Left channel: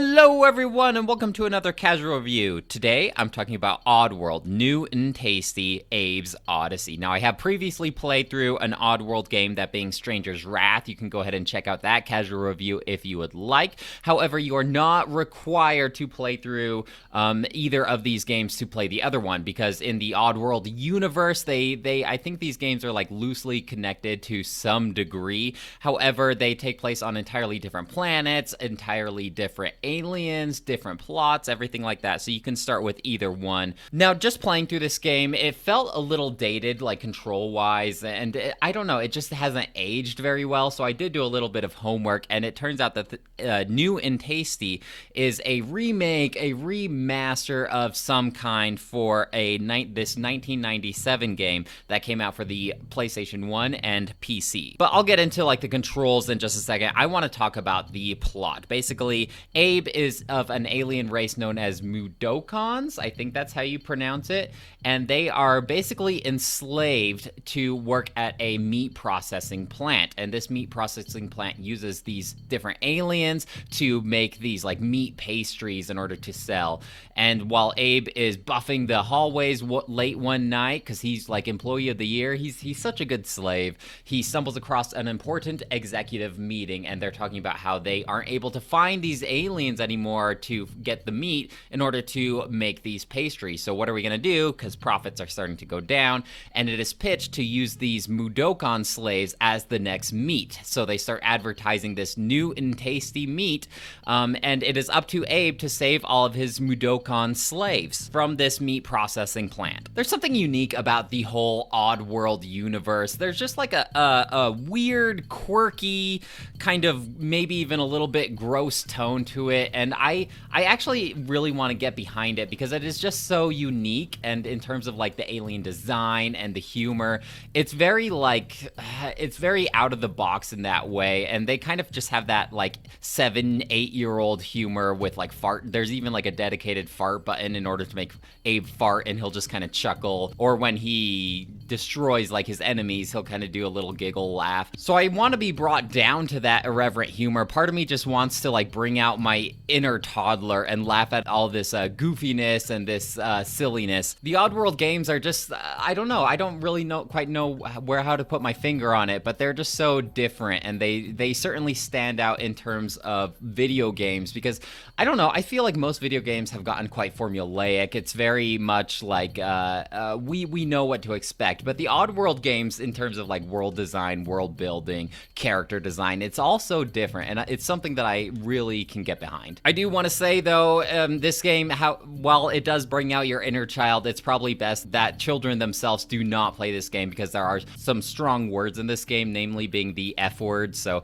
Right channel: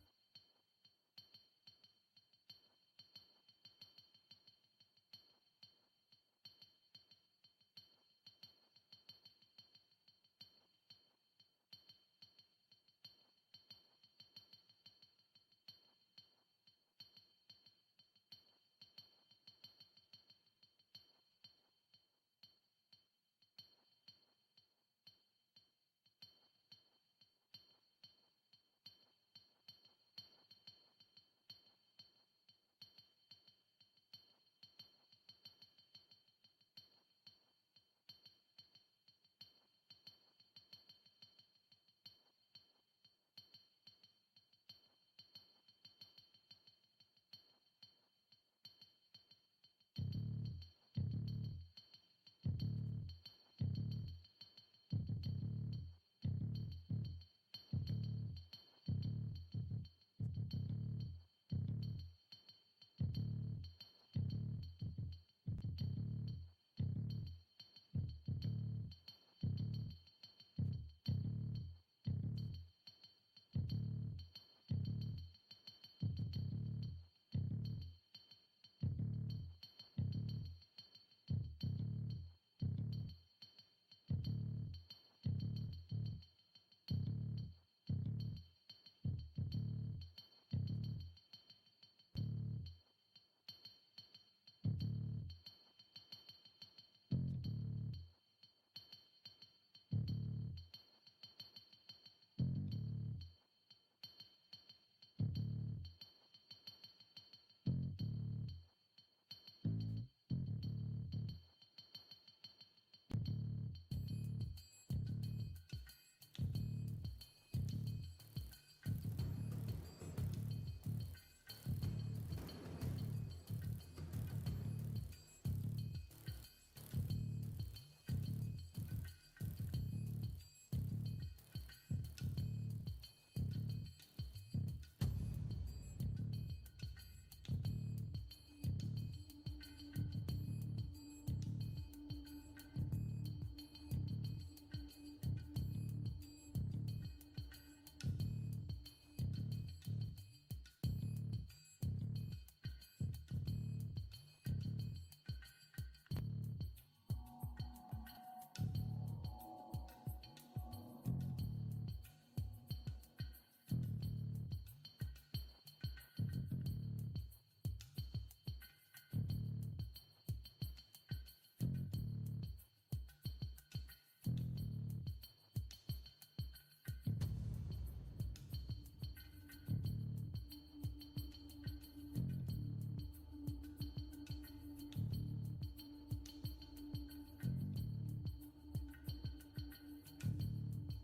Hello everyone and welcome to another casual review. Today I'm talking about Oddworld, New and Tasty, Abe's Oddysee. Now I have previously played through an Oddworld game, that being Stranger's Wrath. You can go ahead and check out that casual review if you would like. However, you are not required to play through either of these games to play the other one, because in the Oddworld universe, I think these games are like loosely connected to some degree. However, they take place on entirely different planets, entirely different aliens, different plots, everything like that, so you can start with either one. Now, just playing through this game, it felt a little dated, like control-wise, and I don't know, it just hasn't aged very well, so I did do a little bit of homework, and it turns out that New and Tasty is a remake, a remaster of some kind for this 1997 game that came out for the PlayStation 1 and PC. But I'll get into like the controls in just a second. I want to talk about the plot. Basically, Abe is of an alien race known as Mudokons. I think that's how you pronounce it. And they are basically enslaved to work at a meat processing plant. And this meat processing plant uses these different aliens to make these like meat pastries in order to sell. And while Abe is buffing the hallways late one night, because he's like employee of the year, he's such a good slave, he stumbles across an important executive meeting, and they're talking about how they aren't able to find these aliens anymore to get the meat in order to make these pastries. So what are we going to do? Because profits are starting to go down, and it is pitched to use these Mudokon slaves as the next meat. So they start advertising this new and tasty meat, and it is up to Abe to save all of his Mudokon slaves from this meat processing plant. There's something unique about the whole Oddworld universe. There's just like a weird, quirky, kind of maybe even a little bit gross tone to it, and I actually really want to get behind it because it is just so unique. And in terms of like the alien design and the humor, it's very out of the box in that way, and they kind of just have that like 7-8-year-old humor with like fart. There's even like a dedicated fart button in order to make Abe fart, and he'll just kind of chuckle, or when he destroys like his enemies, he'll kind of do a little giggle laugh. So I want to be brought down to that irreverent humor. Part of me just wants to like bring out my inner toddler and laugh at all this goofiness and this silliness. The Oddworld games are just I don't know, I don't really quite know how to put my finger on it, but they're just so different, and they certainly stand out in terms of video games, because I don't know, I feel like most video games have gotten quite formulaic. It's very much like we know what to expect, but the Oddworld games, in terms of like world design, world building, character design, it's all so different, and it's something that I really can get behind. I do want to say though, this game, while it does bring out your inner child, it's probably best that children themselves do not play this game, because there are some strong words in this game, namely being the F word. So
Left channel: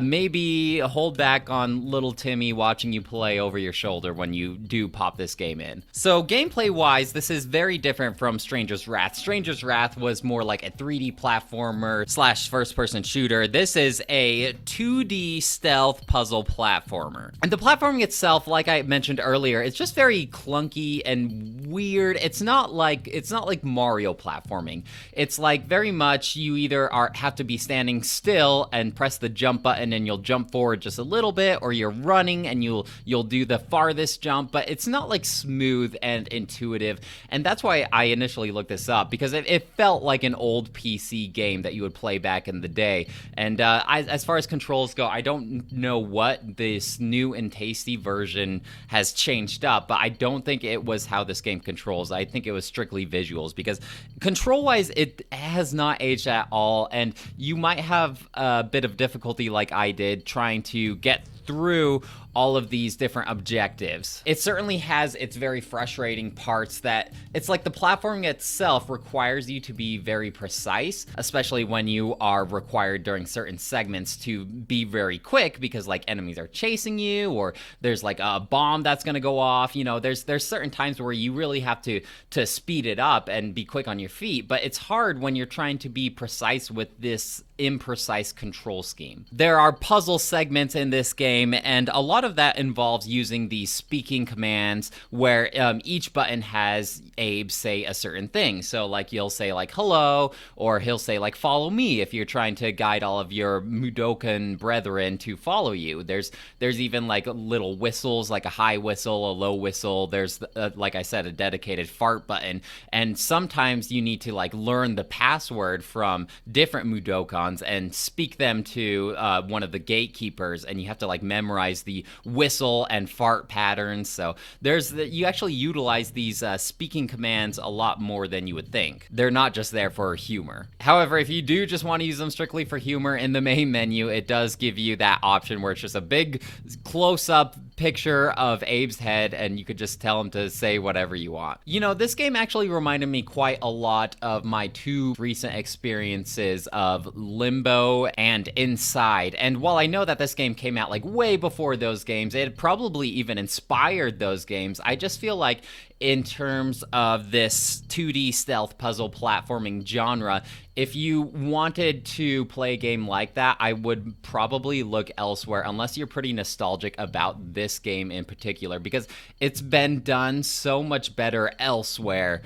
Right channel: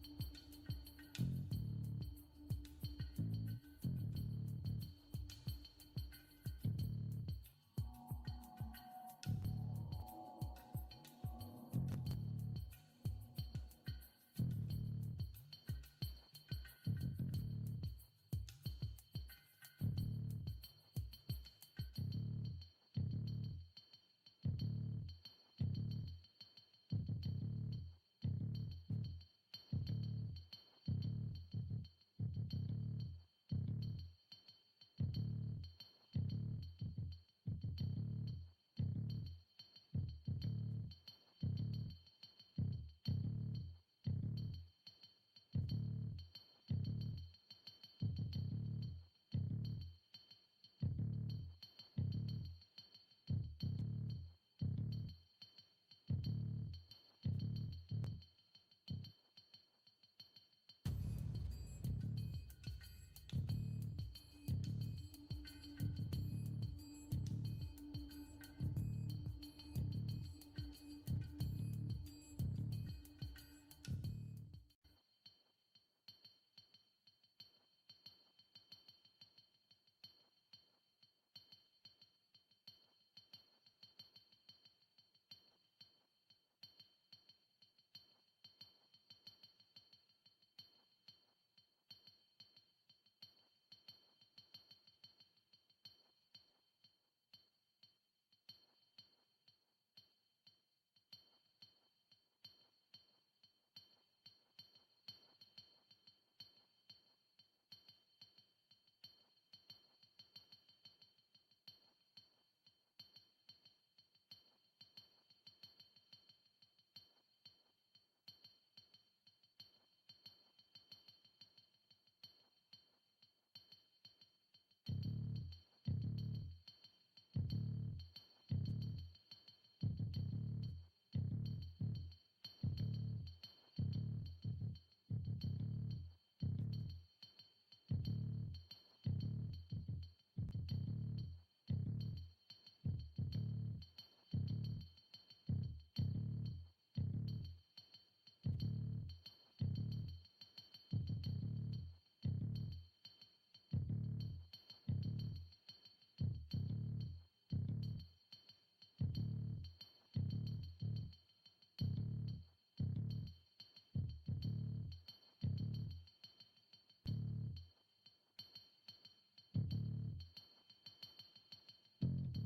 maybe hold back on little Timmy watching you play over your shoulder when you do pop this game in. So gameplay wise, this is very different from Stranger's Wrath. Stranger's Wrath was more like a 3D platformer / first person shooter. This is a 2D stealth puzzle platformer. And the platforming itself, like I mentioned earlier, it's just very clunky and weird. It's not like Mario platforming. It's like very much you either have to be standing still and press the jump button and you'll jump forward just a little bit, or you're running and you'll do the farthest jump, but it's not like smooth and intuitive. And that's why I initially looked this up, because it felt like an old PC game that you would play back in the day. And as far as controls go, I don't know what this new and tasty version has changed up, but I don't think it was how this game controls. I think it was strictly visuals, because control-wise, it has not aged at all, and you might have a bit of difficulty like I did trying to get through all of these different objectives. It certainly has its very frustrating parts, that it's like the platforming itself requires you to be very precise, especially when you are required during certain segments to be very quick, because like enemies are chasing you, or there's like a bomb that's gonna go off. You know, there's certain times where you really have to speed it up and be quick on your feet, but it's hard when you're trying to be precise with this imprecise control scheme. There are puzzle segments in this game, and a lot of that involves using these speaking commands where each button has Abe say a certain thing. So like you'll say like hello, or he'll say like follow me if you're trying to guide all of your Mudokan brethren to follow you. There's even like little whistles, like a high whistle, a low whistle. There's like I said, a dedicated fart button, and sometimes you need to like learn the password from different Mudokons and speak them to one of the gatekeepers, and you have to like memorize the whistle and fart patterns. So you actually utilize these speaking commands a lot more than you would think. They're not just there for humor. However, if you do just want to use them strictly for humor, in the main menu it does give you that option where it's just a big close-up picture of Abe's head, and you could just tell him to say whatever you want. You know, this game actually reminded me quite a lot of my two recent experiences of Limbo and Inside. And while I know that this game came out like way before those games, it probably even inspired those games, I just feel like in terms of this 2D stealth puzzle platforming genre, if you wanted to play a game like that, I would probably look elsewhere, unless you're pretty nostalgic about this game in particular, because it's been done so much better elsewhere,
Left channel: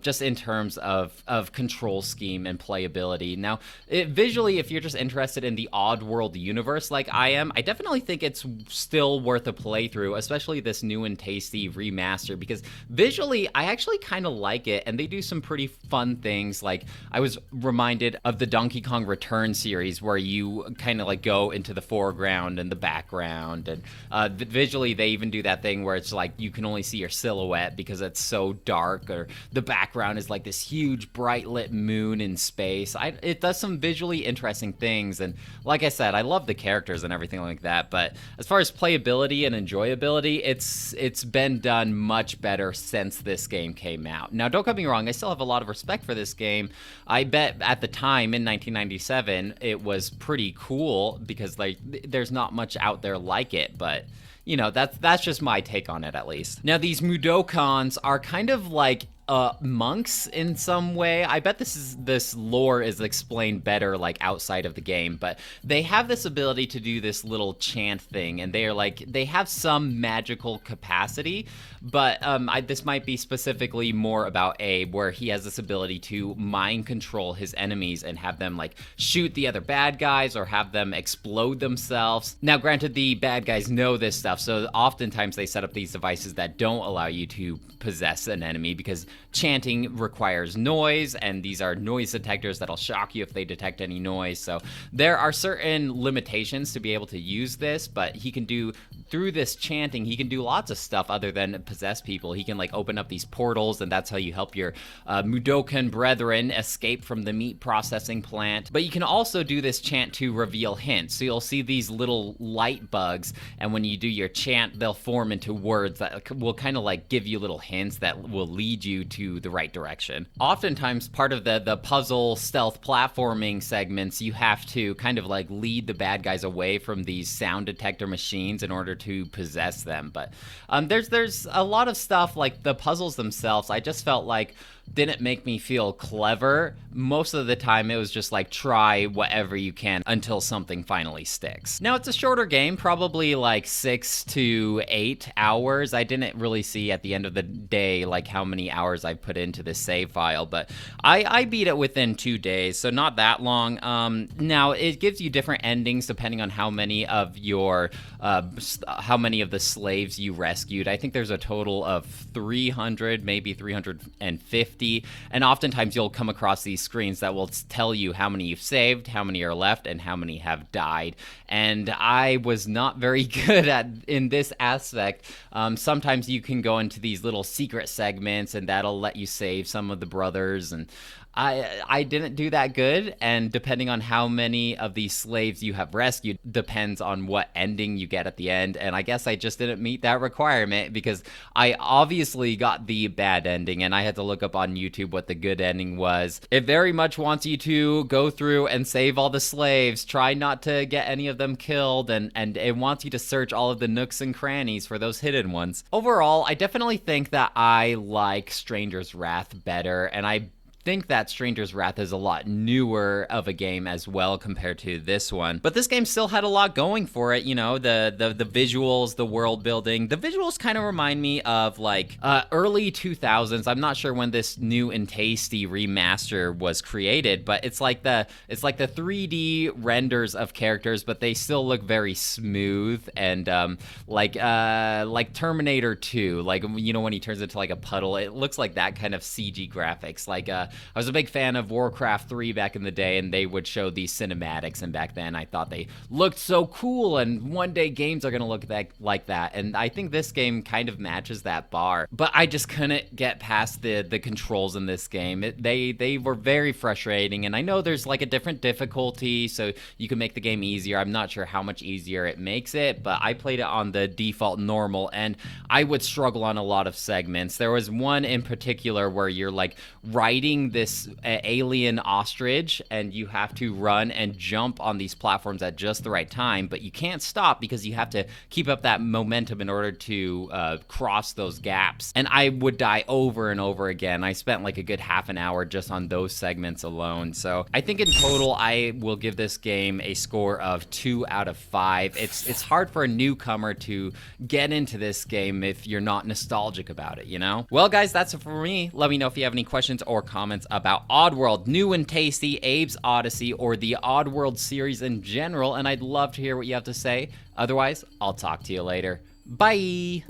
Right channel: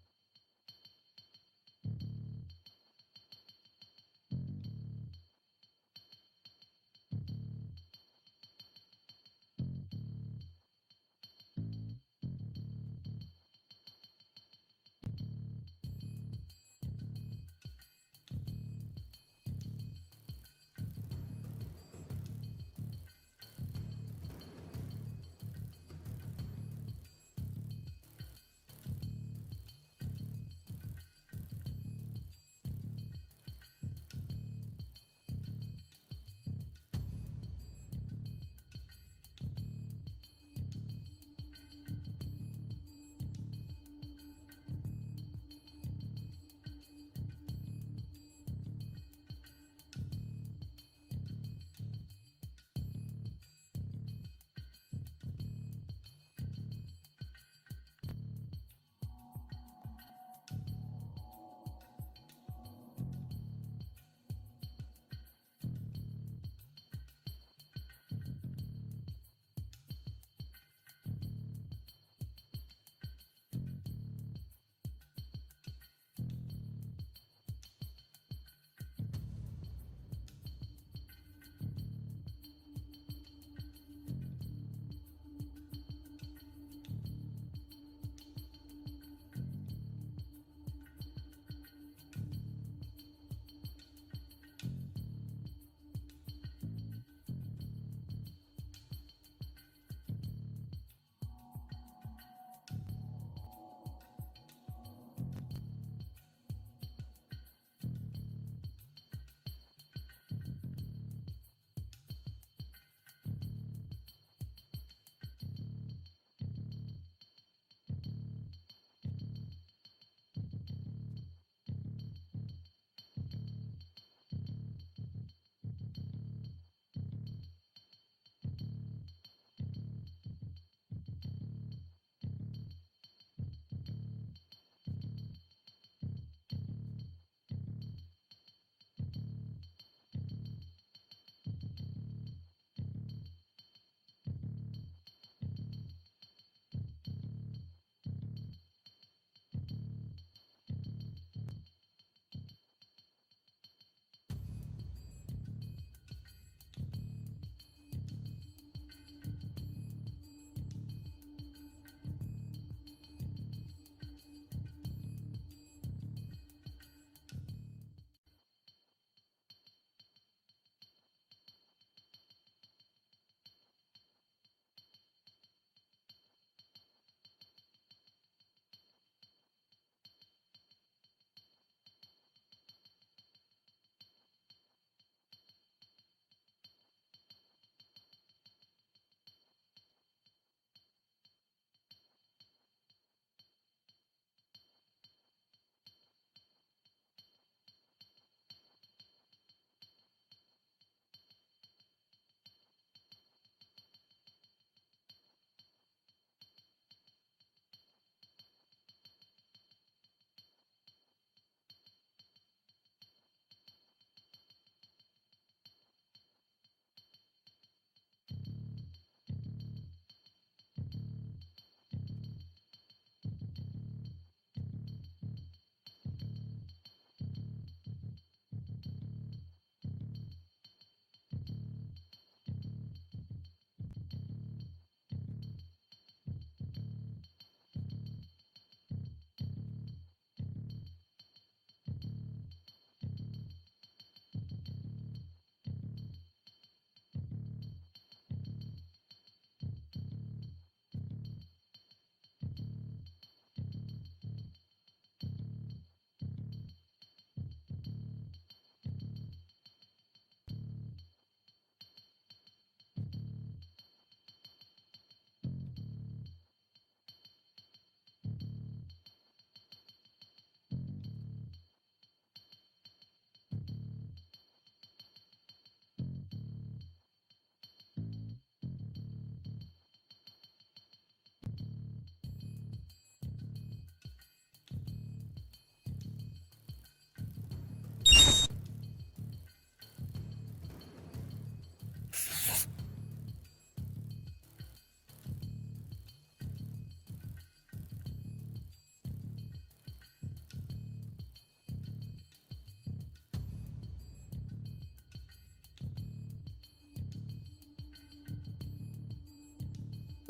just in terms of control scheme and playability. Now, visually, if you're just interested in the Oddworld universe like I am, I definitely think it's still worth a playthrough, especially this new and tasty remaster, because visually, I actually kind of like it, and they do some pretty fun things. Like, I was reminded of the Donkey Kong Return series, where you kind of like go into the foreground and the background, and visually they even do that thing where it's like you can only see your silhouette because it's so dark, or the background is like this huge bright lit moon in space. It does some visually interesting things, and like I said, I love the characters and everything like that, but as far as playability and enjoyability, it's been done much better since this game came out. Now, don't get me wrong, I still have a lot of respect for this game. I bet at the time in 1997 it was pretty cool, because like there's not much out there like it, but you know, that's just my take on it, at least. Now, these Mudokons are kind of like monks in some way. I bet this lore is explained better like outside of the game, but they have this ability to do this little chant thing, and they have some magical capacity, but this might be specifically more about Abe, where he has this ability to mind control his enemies and have them like shoot the other bad guys or have them explode themselves. Now, granted, the bad guys know this stuff, so oftentimes they set up these devices that don't allow you to possess an enemy, because chanting requires noise, and these are noise detectors that'll shock you if they detect any noise. So there are certain limitations to be able to use this, but through this chanting, he can do lots of stuff other than possess people. He can like open up these portals, and that's how you help your Mudokan brethren escape from the meat processing plant. But you can also do this chant to reveal hints. So you'll see these little light bugs, and when you do your chant, they'll form into words that will kind of like give you little hints that will lead you to the right direction. Oftentimes, part of the puzzle stealth platforming segments, you have to kind of like lead the bad guys away from these sound detector machines in order to possess them. But there's a lot of stuff, like the puzzles themselves, I just felt like didn't make me feel clever. Most of the time it was just like try whatever you can until something finally sticks. Now, it's a shorter game, probably like 6 to 8 hours. I didn't really see at the end of the day like how many hours I put into this save file, but I beat it within 2 days, so not that long. Now, it gives you different endings depending on how many of the slaves you rescued. I think there's a total of 300, maybe 350, and oftentimes you'll come across these screens that will tell you how many you've saved, how many are left, and how many have died. And I was not very good in this aspect. Sometimes you can go into these little secret segments, and that'll let you save some of the brothers, and I didn't do that good, and depending on how many of these slaves you have rescued depends on what ending you get at the end, and I guess I just didn't meet that requirement, because I obviously got the bad ending, and I had to look up on YouTube what the good ending was. It very much wants you to go through and save all the slaves, try not to get any of them killed, and it wants you to search all of the nooks and crannies for those hidden ones. Overall, I definitely think that I like Stranger's Wrath better, and I think that Stranger's Wrath is a lot newer of a game as well compared to this one. But this game still had a lot going for it, you know, the visuals, the world building. The visuals kind of remind me of like early 2000s. I'm not sure when this new and tasty remaster was created, but it's like the 3D renders of characters, but they still look very smooth and like Terminator 2, like, you know, when he turns into like a puddle, it looks like that kind of CG graphics. Like I was a big fan of Warcraft 3 back in the day, and they would show these cinematics, and back then I thought they looked so cool, and one day games are gonna look like that, and I think this game kind of matches that bar. But I just couldn't get past the controls in this game. They were very frustrating, and I know there's like a different difficulty, so you can make the game easier. I'm not sure how much easier it makes it, but I played it on the default normal, and I would struggle on a lot of segments. There was one in particular where you're like riding this alien ostrich, and you have to run and jump on these platforms at just the right time, but you can't stop because you have to keep up that momentum in order to cross those gaps. And I would die over and over again. I spent like a good half an hour just on those segments alone. So I think in total I will give this game a score of 2 out of 5. It's hard for a newcomer to get into this game if you're not nostalgic about it, you know? Well guys, that's it for me. Let me know if you have any questions or comments about Oddworld, New and Tasty, Abe's Oddysee, or the Oddworld series in general, and I'd love to hear what you have to say. Otherwise, I'll talk to you later. Bye!